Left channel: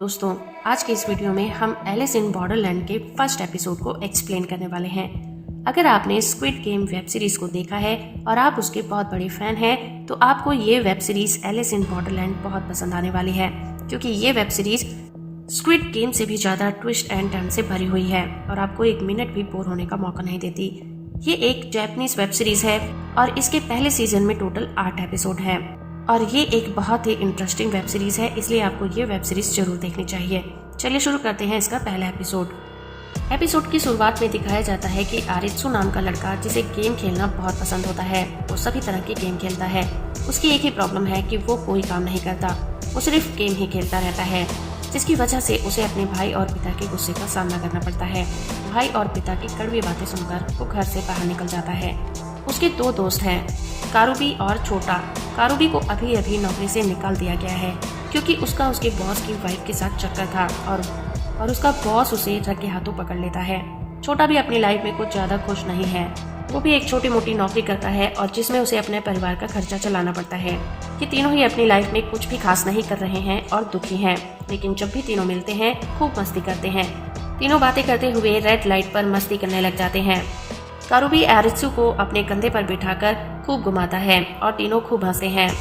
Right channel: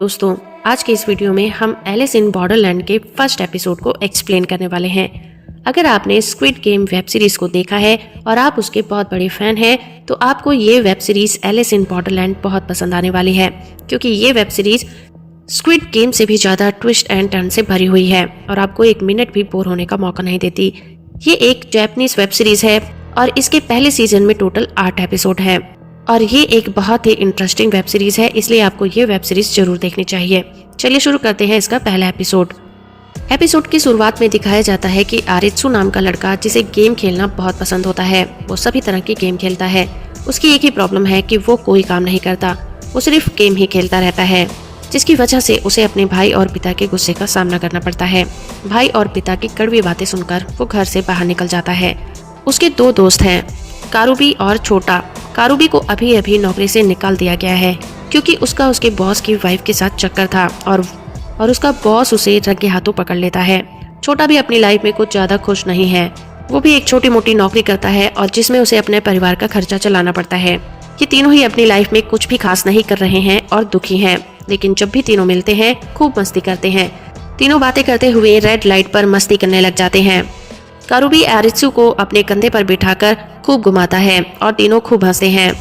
दोस्तों, आज के इस वीडियो में हम एलिस इन बॉर्डरलैंड के फर्स्ट एपिसोड को एक्सप्लेन करने वाले हैं। अगर आपने स्क्विड गेम वेब सीरीज को देखा है और आप उसके बहुत बड़े फैन हैं, तो आपको ये web series Alice in Borderland बहुत पसंद आने वाली है, क्योंकि ये वेब सीरीज स्क्विड गेम से भी ज्यादा ट्विस्ट एंड टर्न से भरी हुई है और आपको एक मिनट भी बोर होने का मौका नहीं देती। ये एक जापानीज वेब सीरीज है और इसके पहले सीजन में टोटल 8 एपिसोड है और ये एक बहुत ही इंटरेस्टिंग वेब सीरीज है, इसलिए आपको ये वेब सीरीज जरूर देखनी चाहिए। चलिए शुरू करते हैं इसका पहला एपिसोड। एपिसोड की शुरुआत में दिखाया जाता है कि आरित्सु नाम का लड़का, जिसे गेम खेलना बहुत पसंद होता है, वो सभी तरह की गेम खेलता है। उसकी एक ही प्रॉब्लम है कि वो कोई काम नहीं करता, वो सिर्फ गेम ही खेलता रहता है, जिसकी वजह से उसे अपने भाई और पिता के गुस्से का सामना करना पड़ता है। भाई और पिता की कड़वी बातें सुनकर वो घर से बाहर निकल जाता है। उसके 2 दोस्त हैं, कारुबी और छोटा। कारुबी को अभी अभी नौकरी से निकाल दिया गया है क्योंकि उसका उसके बॉस की वाइफ के साथ चक्कर था और उसका बॉस उसे रंगे हाथों पकड़ लेता है। छोटा भी अपनी लाइफ में कुछ ज्यादा खुश नहीं है, वो भी एक छोटी मोटी नौकरी करता है और जिसमें उसे अपने परिवार का खर्चा चलाना पड़ता है। ये तीनों ही अपनी लाइफ में कुछ भी खास नहीं कर रहे हैं और दुखी हैं, लेकिन जब भी तीनों मिलते हैं खूब मस्ती करते हैं। तीनों बातें करते हुए रेड लाइट पर मस्ती करने लग जाते हैं। कारुबी आरित्सु को अपने कंधे पर बिठाकर खूब घुमाता है और तीनों खूब हंसते हैं।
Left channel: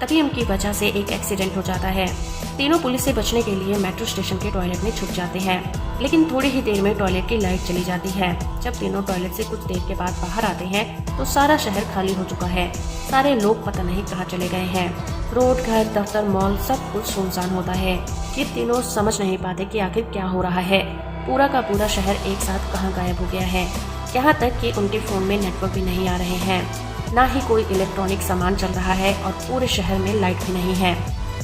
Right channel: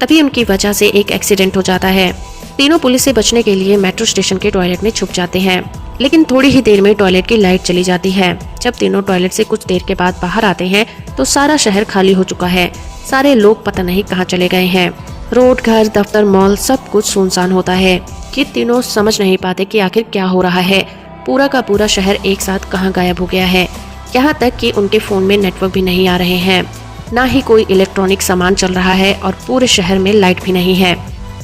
तभी उनकी वजह से एक एक्सीडेंट हो जाता है। तीनों पुलिस से बचने के लिए मेट्रो स्टेशन के टॉयलेट में छुप जाते हैं, लेकिन थोड़ी ही देर में टॉयलेट की लाइट चली जाती है। जब तीनों टॉयलेट से कुछ देर के बाद बाहर आते हैं तो सारा शहर खाली हो चुका है। सारे लोग पता नहीं कहाँ चले गए हैं। रोड, घर, दफ्तर, मॉल सब कुछ सुनसान होता है। ये तीनों समझ नहीं पाते कि आखिर क्या हो रहा है। पूरा का पूरा शहर एक साथ कहाँ गायब हो गया है। यहाँ तक कि उनके फोन में नेटवर्क भी नहीं आ रहे हैं, ना ही कोई इलेक्ट्रॉनिक सामान चल रहा है और पूरे शहर में लाइट भी नहीं है।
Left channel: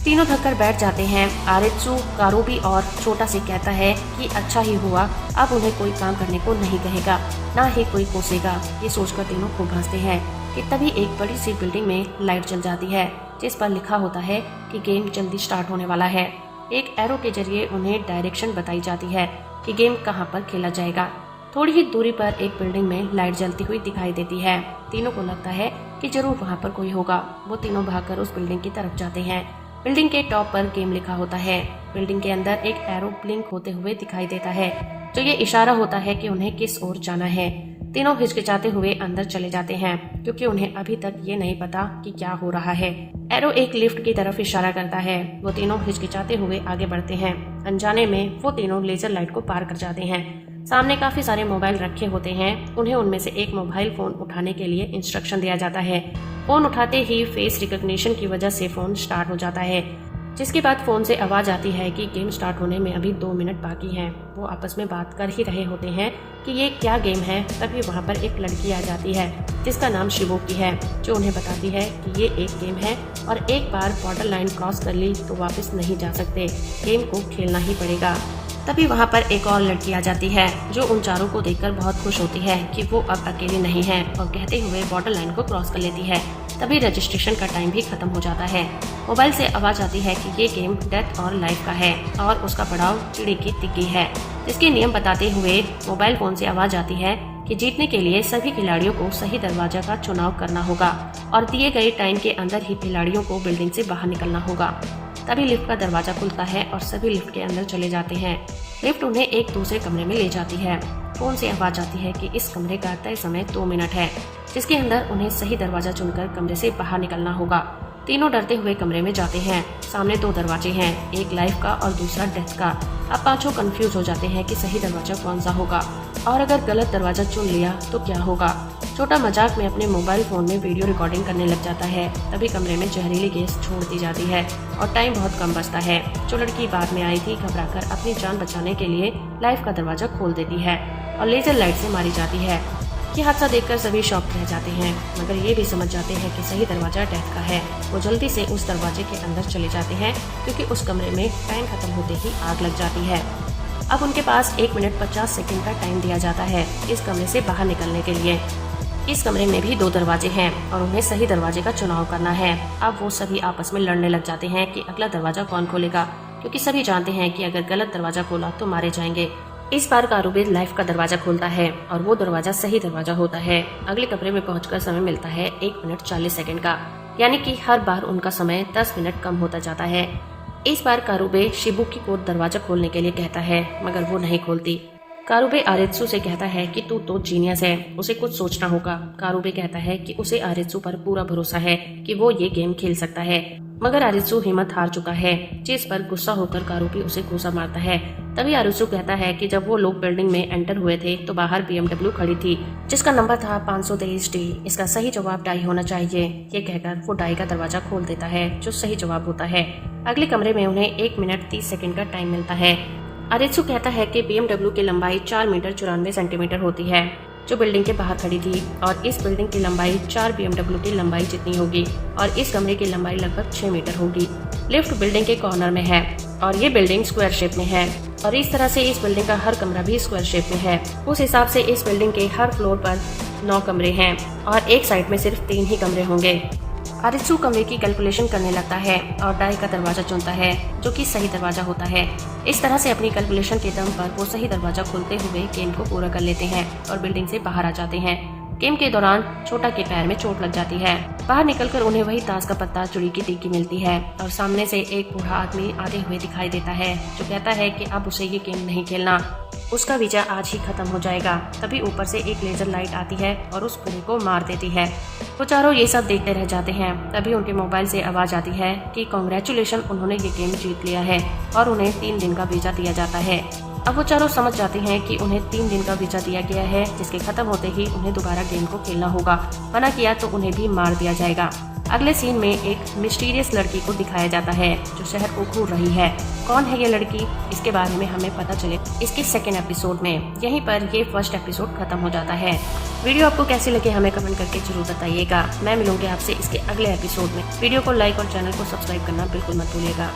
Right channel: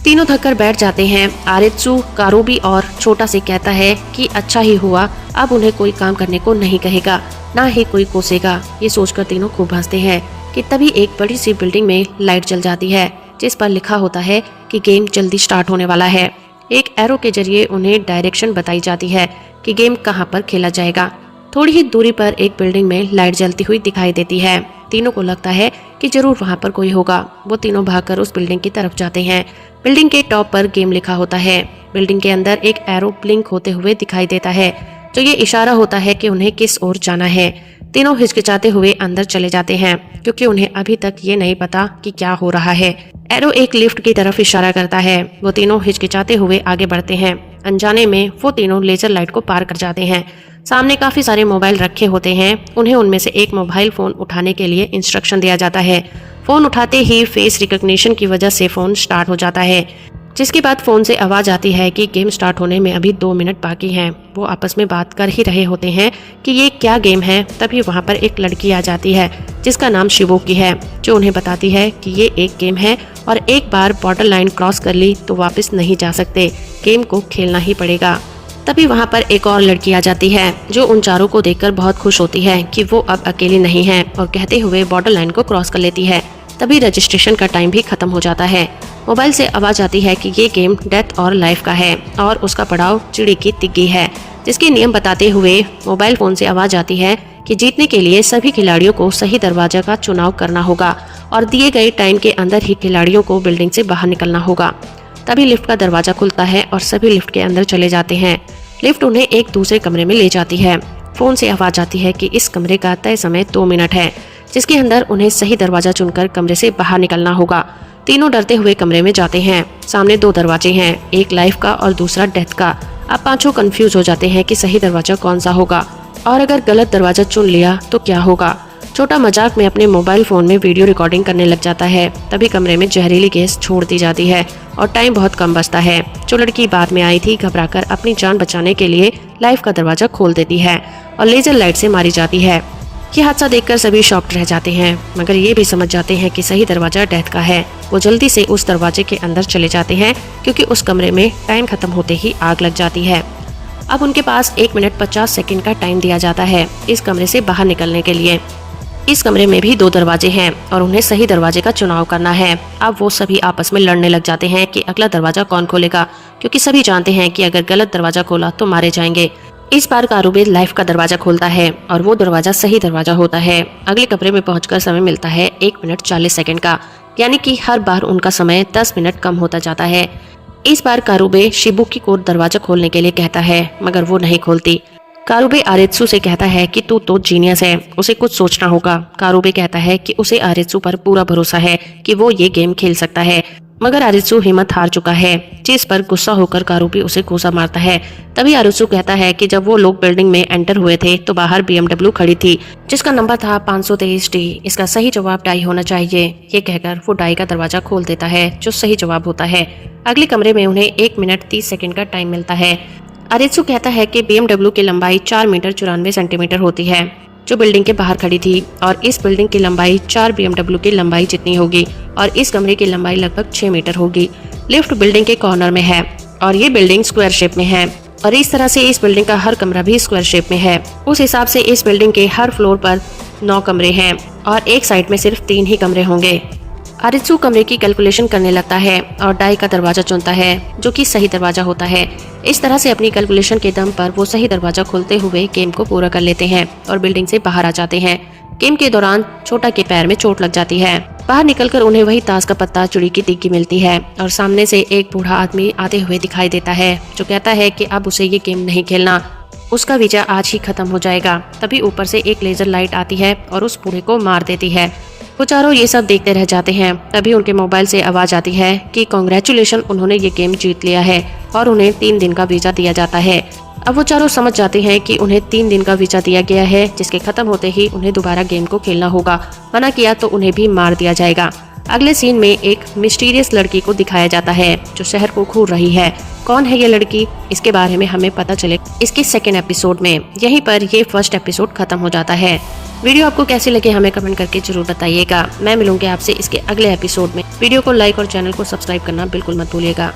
तीनों थककर बैठ जाते हैं। आरित्सु कारुबी और छोटा से कहता है कि अच्छा ही हुआ, अब उन्हें कोई काम करने को नहीं कहेगा, ना ही कोई कोसेगा। ये सोचकर तीनों खूब हंसते हैं कि तभी एक बड़ी सी बिल्डिंग में लाइट जल जाती है, जिस पर लिखा होता है कि गेम जल्दी स्टार्ट होने वाला है। एक एरो के जरिए उन्हें डायरेक्शन बताई जाती है कि गेम कहाँ पर खेला जाएगा। थोड़ी ही दूरी पर एक बिल्डिंग में लाइट जलती हुई दिखाई देती है। तीनों को लगता है कि जरूर वहाँ पर कोई होगा। वो तीनों भागकर उस बिल्डिंग की तरफ जाते हैं। बिल्डिंग के टॉप पर गेम लिखा होता है। बिल्डिंग के अंदर एक एरो ब्लिंक होते हुए दिखाई देता है, जो ये इशारा होता है कि उन्हें किस ओर जाना है। तीनों हिचकिचाते हुए अंदर चले जाते हैं, क्योंकि उन्हें अभी तक ये नहीं पता कि क्या हो रहा है। एरो एक लिफ्ट की तरफ इशारा करता है। वो तीनों हिचकिचाते हुए आगे बढ़ते हैं। अनजाने में वो तीनों लेजर लाइट को पार कर जाते हैं। सामने काफी सारे मोबाइल रखे होते हैं। उन्हें उनमें से एक मोबाइल फोन उठाने के लिए इंस्ट्रक्शन दिया जाता है। फोन उठाते ही फेस रिकॉग्निशन की वजह से फोन स्टार्ट हो जाता है, जिसके बाद फोन से आवाज आती है कि गेम स्टार्ट होने में अभी 2 मिनट बाकी हैं। वो आपस में बात कर ही रहे होते हैं कि ये क्या गेम है। तभी वहाँ पर एक लड़की आ जाती है जिसका नाम शिवोकी है, जो उन्हें बताती है कि ये एक गेम है और एक बार बॉर्डर लाइन क्रॉस कर ली तो वापस नहीं जा सकते, गेम को खेलना ही पड़ेगा। तभी वहाँ पर एक और लड़की आ जाती है, जो उन चारों को देखकर बहुत खुश होती है कि वो अब अकेली नहीं है, और कहते हुए बॉर्डर लाइन को क्रॉस कर लेती है। तभी रजिस्ट्रेशन का टाइम भी खत्म हो जाता है। मोबाइल से आवाज आती है कि ये गेम डेथ और लाइफ का है और उसका पड़ाव चिड़ी की तिग्गी है, जिसके नियम बताते हुए मोबाइल फोन से आवाज आती है कि जीतने के लिए सभी खिलाड़ियों को सही दरवाजा का चुनाव करना होगा और दिए गए टाइम के अंदर ही खिलाड़ियों को बिल्डिंग से बाहर निकलना होगा। तभी लिफ्ट का दरवाजा खुलता है और सभी लिफ्ट के अंदर चले जाते हैं। लिफ्ट उन्हें एक दूसरे कमरे में ले जाती है। फोन से आवाज आती है कि इस कमरे का तय समय 2 मिनट है, जिसके अंदर उन्हें सही दरवाजा चुनकर कमरे से बाहर निकलना होगा। तीनों डरते हुए कमरे में जाते हैं। सामने 2 दरवाजे हैं, एक लाइफ का और दूसरा डेथ का। अब पांचों कंफ्यूज हो जाते हैं कि सही दरवाजा कौन सा होगा और अगर गलत दरवाजा चुन लिया तो क्या होगा। छोटा मजाक में अपने मोबाइल फोन में वीडियो रिकॉर्डिंग करने लग जाता है। तभी कमरे में जहरीली गैस छोड़ दी जाती है और टाइम बहुत कम बचता है। जो लड़की बाद में आई थी, घबराकर अपनी जान बचाने के लिए लाइफ का दरवाजा खोल देती है और लेजर लाइट से मारी जाती है। ये हादसा देखकर सभी शॉक्ड रह जाते हैं, मगर ये भी समझ जाते हैं कि सही दरवाजा डेथ का है। वो जल्दी से उस दरवाजे के अंदर चले जाते हैं, क्योंकि उस कमरे में टाइम खत्म होते ही आग लग जाती है। अब उनके पास 1 मिनट 50 सेकंड का टाइम दिया जाता है इस कमरे से बाहर निकलने के लिए। इस कमरे में भी 2 दरवाजे हैं और उन्हें सही दरवाजे का चुनाव करना है। अब वो सभी आपस में लड़ने लग जाते हैं कि अगला दरवाजा कौन खोलेगा, क्योंकि सभी जानते हैं कि अगर गलत दरवाजा खोला तो मारे जाएंगे। इस बार कारुबी लाइफ का दरवाजा खोलता है और वो दरवाजा सही दरवाजा होता है। अगले कमरे में पहुंचकर समय मिलता है 1 मिनट 40 सेकंड का, यानी कि हर बार उनका समय 10 मिनट कम होता जाता है। इस बार कारुबे शिबुकी को दरवाजा खोलने के लिए कहता है, मगर वो नहीं खोलती। कारुबे आरित्सु से कहता है कि तू तो जीनियस है, उसे कुछ सोचना होगा। कारुबे कहता है कि उसे आरित्सु पर पूरा भरोसा है कि वो ये गेम खेल सकता है, मगर आरित्सु हिम्मत हार चुका है, जिस पर गुस्सा होकर कारुबे उसे घूसा मारता है। तभी आरित्सु कहता है कि जब वो लोग बिल्डिंग में एंटर हुए थे तो बाहर BMW खड़ी थी, जिसका नंबर था 523D। इसका सही जवाब डाई होना चाहिए। ये कहकर वो डाई का दरवाजा खोल देता है, जो सही जवाब होता है। अगले कमरे में उन्हें 1 मिनट 30 सेकंड का टाइम मिलता है। आरित्सु कहता है कि BMW की लंबाई 4 मीटर 94 सेंटीमीटर होती है, जो बिल्डिंग के बाहर खड़ी थी, और इस बिल्डिंग की लंबाई 4 BMW की लंबाई जितनी होगी, और इस कमरे की लंबाई लगभग 6 मीटर होगी। लिफ्ट बिल्डिंग के कॉर्नर में है और ये बिल्डिंग स्क्वायर शेप में है, और इस तरह से इस बिल्डिंग का हर कमरा भी स्क्वायर शेप में है। उस हिसाब से इस बिल्डिंग के हर फ्लोर पर 9 कमरे हैं और एक साइड में सिर्फ 3 ही कमरे होंगे। आरित्सु कमरे की कैलकुलेशन करने लगता है और डाई का दरवाजा चुनता है, जो कि सही दरवाजा होता है। इस तरह से अपनी कैलकुलेशन के दम पर वो सही दरवाजा खोलते हुए गेम को पूरा कर लेते हैं और बिल्डिंग से बाहर आ जाते हैं। गेम के दौरान छोटा के पैर में चोट लग जाती है। बाहर निकलकर उन्हें वही ताश का पत्ता चुड़ी की टिक्की मिलती है और सामने से एक बूढ़ा आदमी आते हुए दिखाई देता है, जो कहता है कि अब उसे ये गेम नहीं खेलना, उसका वीजा आज ही खत्म हो जाएगा। तभी ऊपर से एक लेजर लाइट आती है और उस बूढ़े को मार देती है। वो चारों ये सब देखते रह जाते हैं। तभी उनके मोबाइल से आवाज आती है कि कांग्रेचुलेशन, उन्होंने ये गेम जीत लिया है, और उन्हें 3 दिन का वीजा दिया जाता है। अब वो चारों समझ जाते हैं कि उन्हें 3 दिन का वीजा दिया गया है, जिसके खत्म होते ही उन्हें दोबारा गेम को खेलना होगा। मना किया तो उन्हें भी मार दिया जाएगा। अगले सीन में एक मिस्टीरियस लड़की को दिखाया जाता है, जो शहर को घूर रही है। कौन है ये लड़की, इसके बारे में हमें पता चले इसके सेकेंड एपिसोड में। यहीं पर ये फर्स्ट एपिसोड खत्म हो जाता है। वीडियो आपको कैसी लगी हमें कमेंट करके जरूर बताइएगा। मैं मिलूंगी आपसे इसके अगले एपिसोड में। वीडियो को लाइक और चैनल को सब्सक्राइब करना बिल्कुल मत भूलिएगा।